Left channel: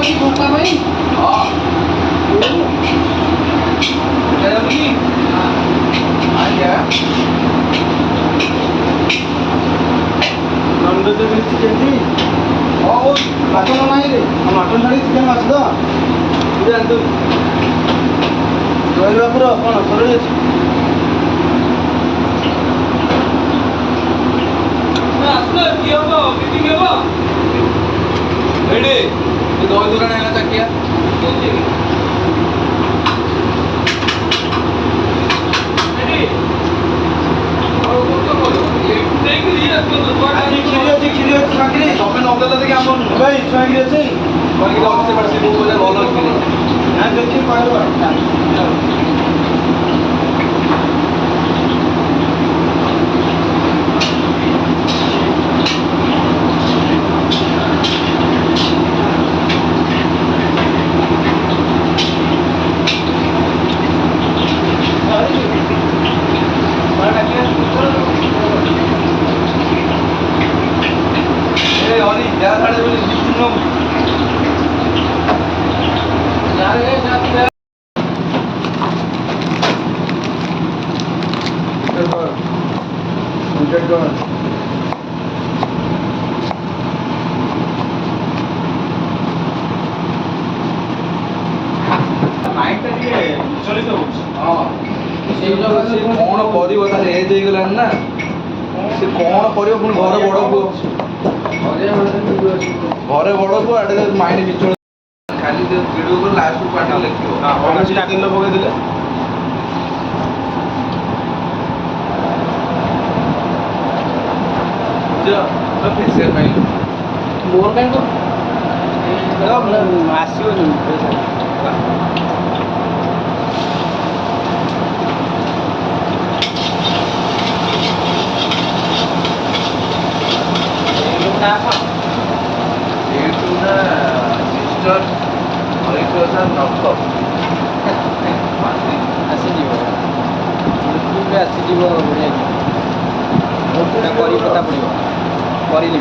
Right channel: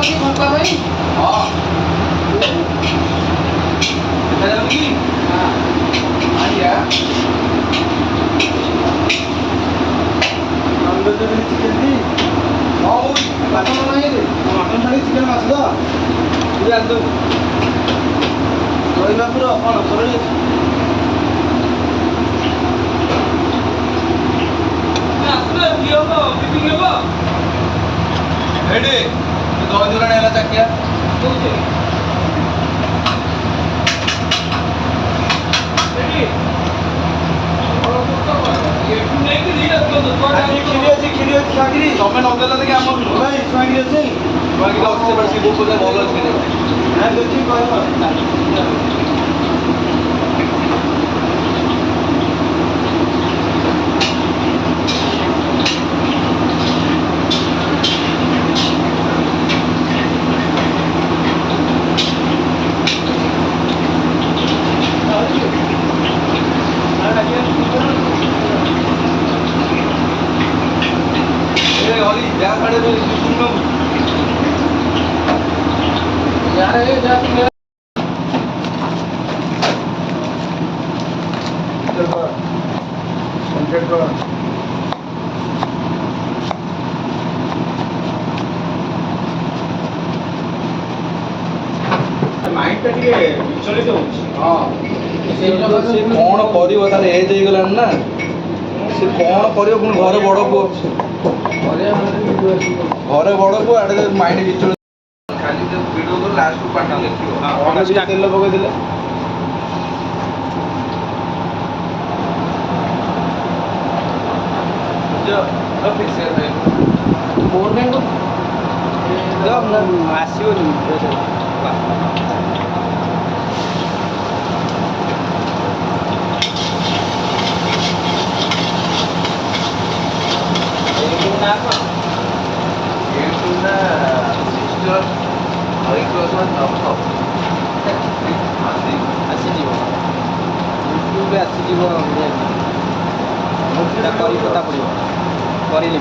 बाकी भूखा भाई हाँ चिकेन दी मटन नहीं मटन थाली चिकेन माछ तो तू ରହିବା ପୁରା କ'ଣ ସରିଯାଇଛି ଆସିଲେ କି ହବ ମିଟିଂ ହେବ ରେଡି ଦହି ଦୋକାନ ହେଲା ଚାକିଆ ଦଉଛି ରେଡି କ୍ଷୀରି ଅଛି ଚାକିରି ତମେ ନଗଦ ଦେଖି ଆମର ଭାଇ ଛୁଆକିରି ଅଛି ଛୁଆକିରି ଅଛି ସେପଟେ ଶିବ ପୂଜା ଭଲ ଅଛି ନା ଦେଖିକି କହିବ कौन कर एज हो ना से कौन कर घर बड़ पु घर बड़ पु आड़े माइंड विचल खाली वीडियो को लास्ट पार्ट लिखियो तेल पकई देले मोर कहीं आसोनी ଆସିଯିବ ୟୁଟ୍ୟୁବରେ ଆସିଯିବ ବଢ଼ିଆ କରି ପତା ପଡ଼ିବ କରିଲି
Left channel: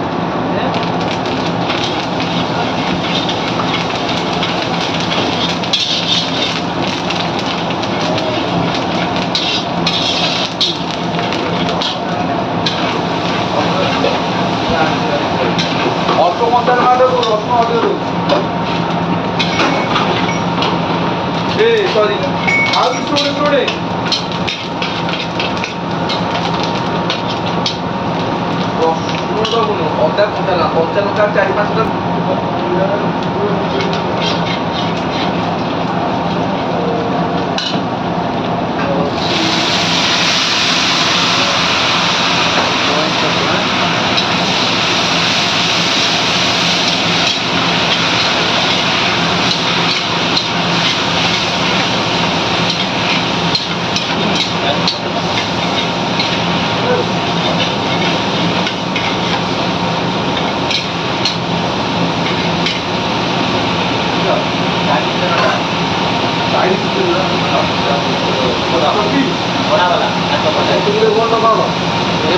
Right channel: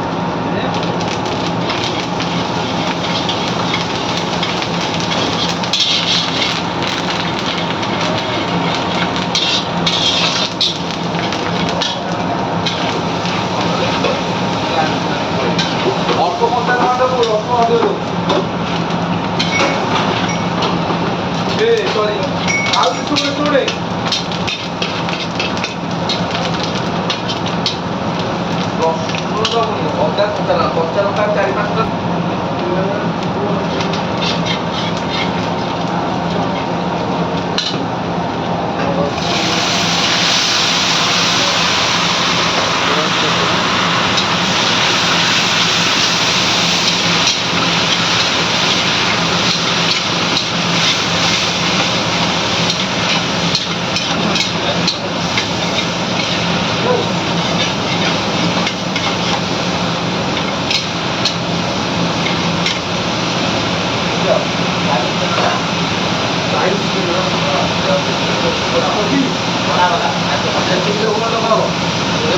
सॉरी आओ छोड़े छोड़े अदा कच्चा लंका 4-5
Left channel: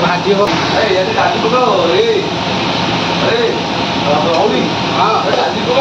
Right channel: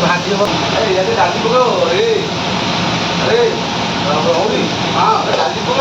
भाजी हो दादी को रौली हाँ दादी को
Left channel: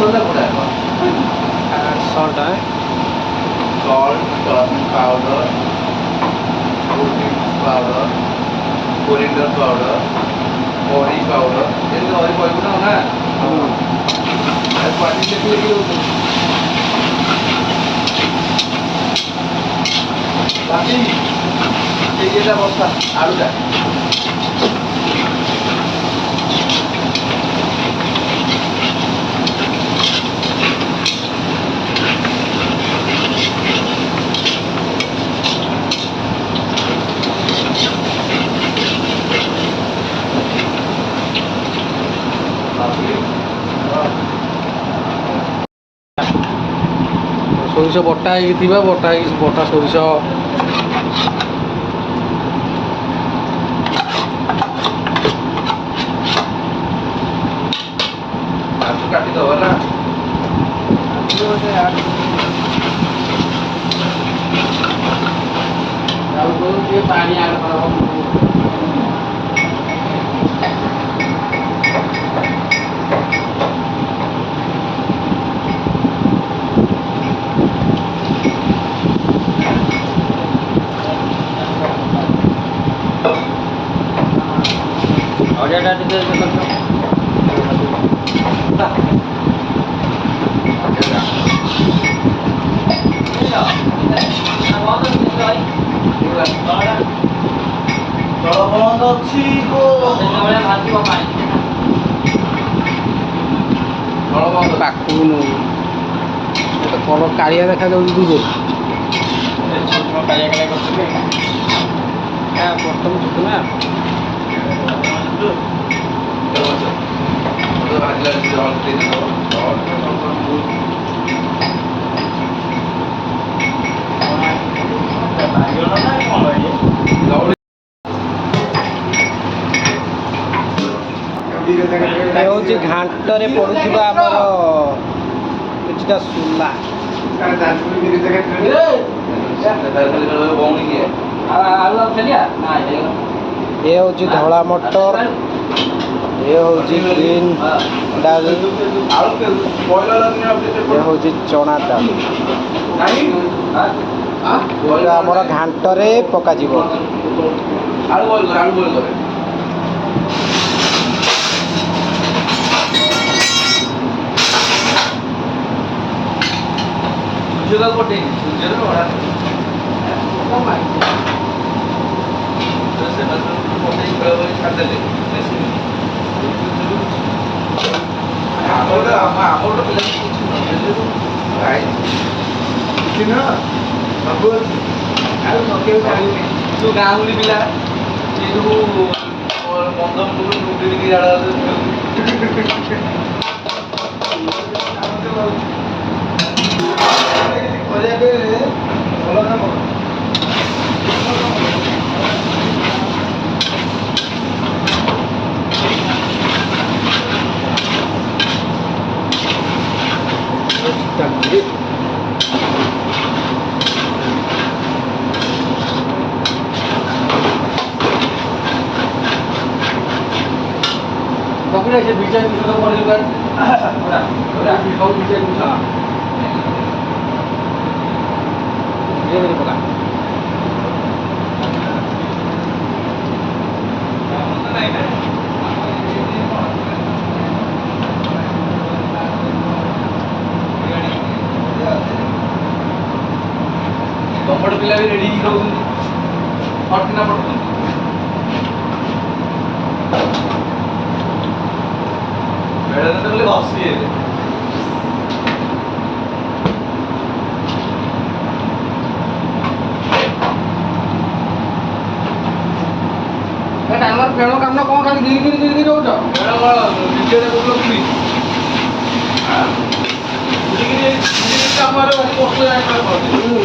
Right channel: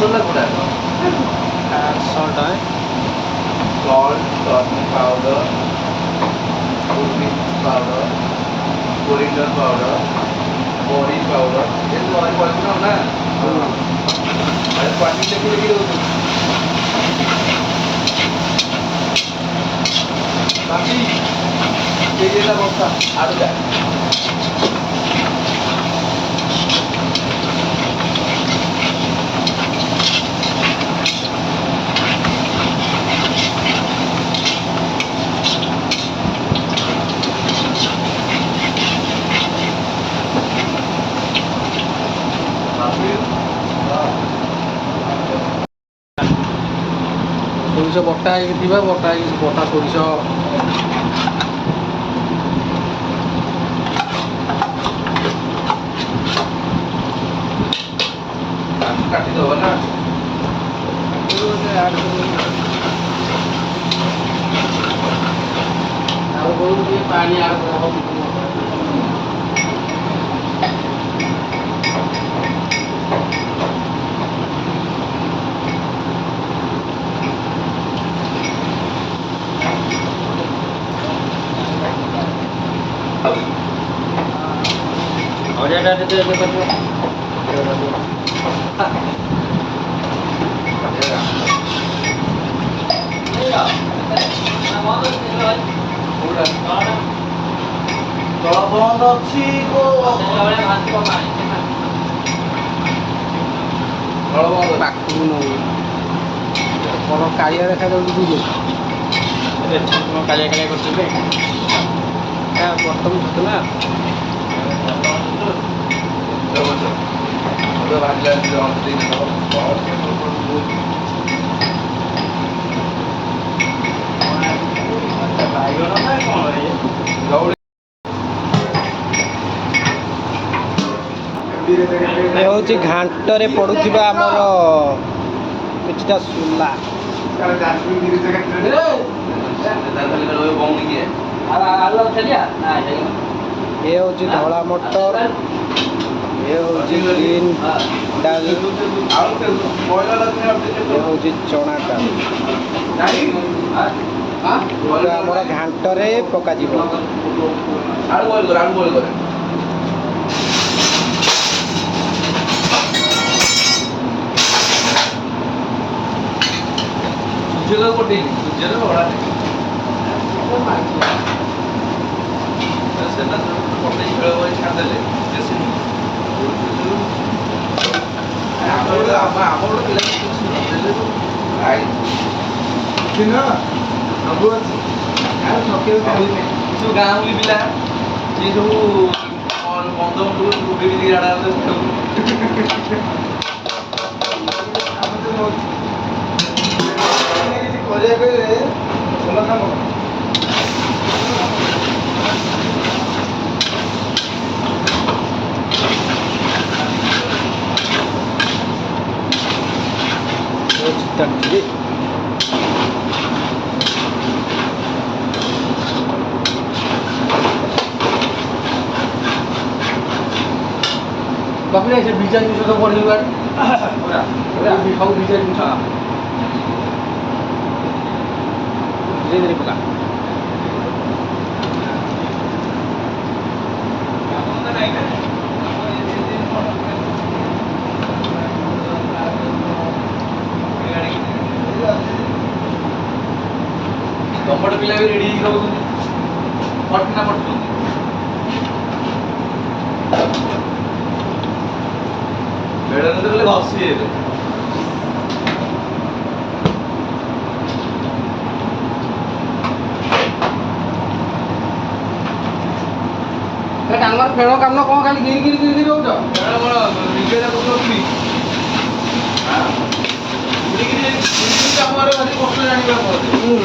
मसला गुड़ा सॉल्ट है salt turmeric powder turmeric powder coriander powder curry powder ये तो और पड़े ना हां अरे क्वांटिटी लिख लगी हो बाकी ये ना बक्सा आलू का ସୋରିଷ ବଟା ହେଇକି ଥିବେ, ବଟା ସୋରିଷ କାଟିଦେବ ନା ପାଣି ଆଡ୍ କରାହବ। ଜଳ ବନ୍ଦ ଅଛି ପାଖକୁ ନଉ କଣ କାଳିଆ ଦେଖାଯାଉଛି ଟିକେ କାଳିଆ କାଳିଆ କରୁଛନ୍ତି ବଟମ ଛୋଟ ନା ଏ ହେଉଛି ଘାଣ୍ଟରେ ପଡୁଥିବା ଆମର କିଛିଟା ସୁଲା। ଏ ହେଉଛି ଧଳା ମଟର, ଏ ହେଉଛି ଗ୍ରୀନ୍ ଡାଲି, ଏ ହେଉଛି ଚଣା ଡାଲି। ଯେଉଁଟା ଆମର ଘାଣ୍ଟରେ ପକାଯିବ। ଆଳୁ ବଏଲ କରେ ସୁଜେଲାକୁ ପଠେଇକି ସୁଜେର ଭଡ଼ା ସେମାନେ ପଠେଇକି ବେଳ ବେଳ ଛାଡ଼ିଦେଲେ ଆମର ଗୋଟେ ପିଲା କିଛି ଯୋଉ ଗାଉଁଲି ପିଲା ଏ ସବୁ ବନ୍ଧ ଟିକେ ଜାଡା କରିବା କହିଲେ ଭଲ କାମ ତାପରେ ସେ ବିଜା ଜିନିଷ ସବୁ ପଡ଼ିଯିବ ସବୁ ବିଜା ଜିନିଷ ଧୀରେ ଧୀରେ ପକା ତମର ପିଲା ବି ରେଡି ହେଇକି ରହୁଛନ୍ତି ଫଟକିନା ପଡୁଛନ୍ତି ବେଳରେ ତ ବୋଲେ ବସିବେ ଫେଣ କାମ କଣ ଖାଲି ଗିରି ରହୁଛ ନିଜେ କହୁଛନ୍ତି ଆମର କଷ୍ଟ ଜାଣିପାରୁଛନ୍ତି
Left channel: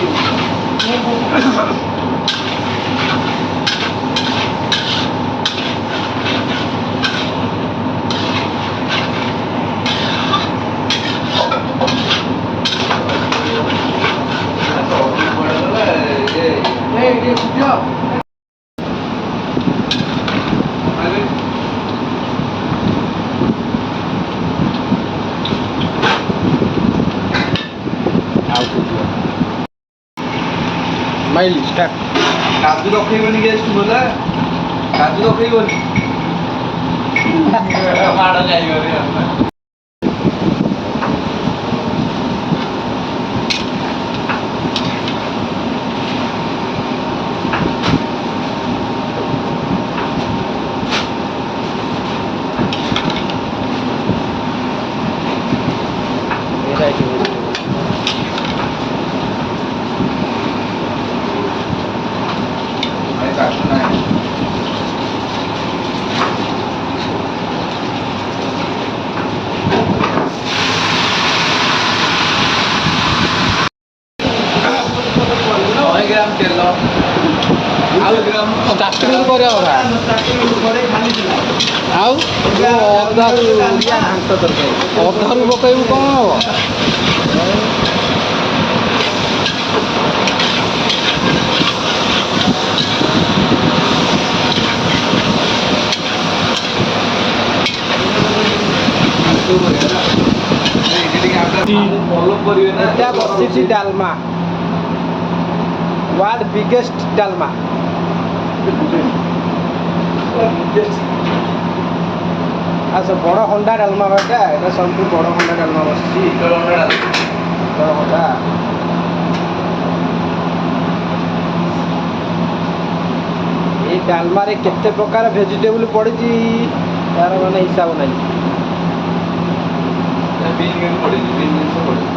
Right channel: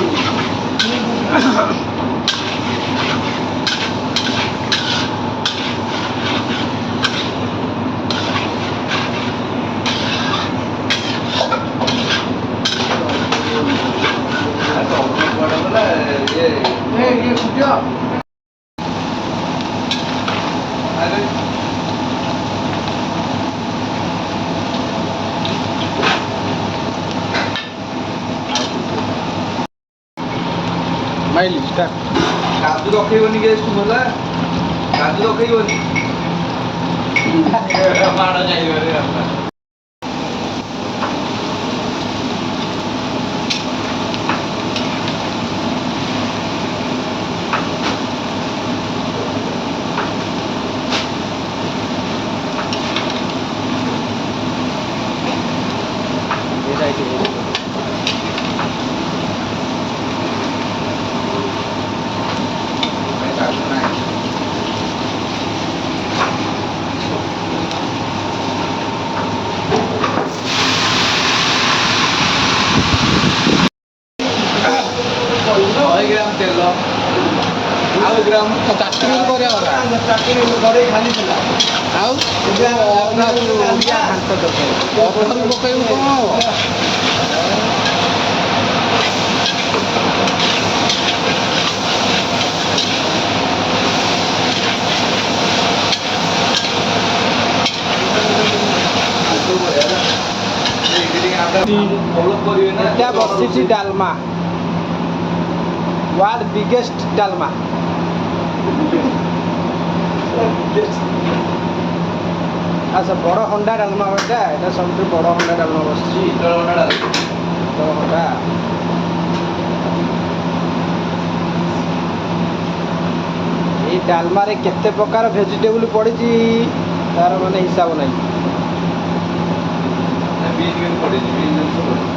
ମାଇଲି ଷ୍ଟାର୍ଟ କାଜୁ ରଖେଇବନି ଗେଷ୍ଟ ବୋଲା କାଜୁ ରଖେଇବନି ମାଡ଼ ଯାଇବନି ଷ୍ଟାର୍ଟିଂରୁ କରିବା କଥା ଆଉ ଓଡ଼ିଆ ଘାଣ୍ଟ ତରକାରୀ ଅଧାରୁ ପକେଇବୁ କ'ଣ ହବ? ଭଲ କରିବେ ନା ଏଟା ବସିଛି ଡାଲମା ୱାର୍ଲଡ ବିଗେଷ୍ଟ ଡାଲମା ଆଚ୍ଛା ବଡ଼ ହଣ୍ଡା ଡାଲମା ଏଟା ସବୁଠୁ ବଡ଼ ହଣ୍ଡା ଡାଲମା ବସିଛି ବଡ଼ ହଣ୍ଡା ଏଇ ଡାଲମାରେ କେତେ ପ୍ରକାର ଭେଜିଟେବୁଲ ପଡ଼ିଛି ତାର ମାନେ ହିସାବ ନାହିଁ ବିଲ୍ କିନ୍ତୁ ପଡ଼ିଛି ବିଲ୍ ଜିନିଷ ପଡ଼ିଛି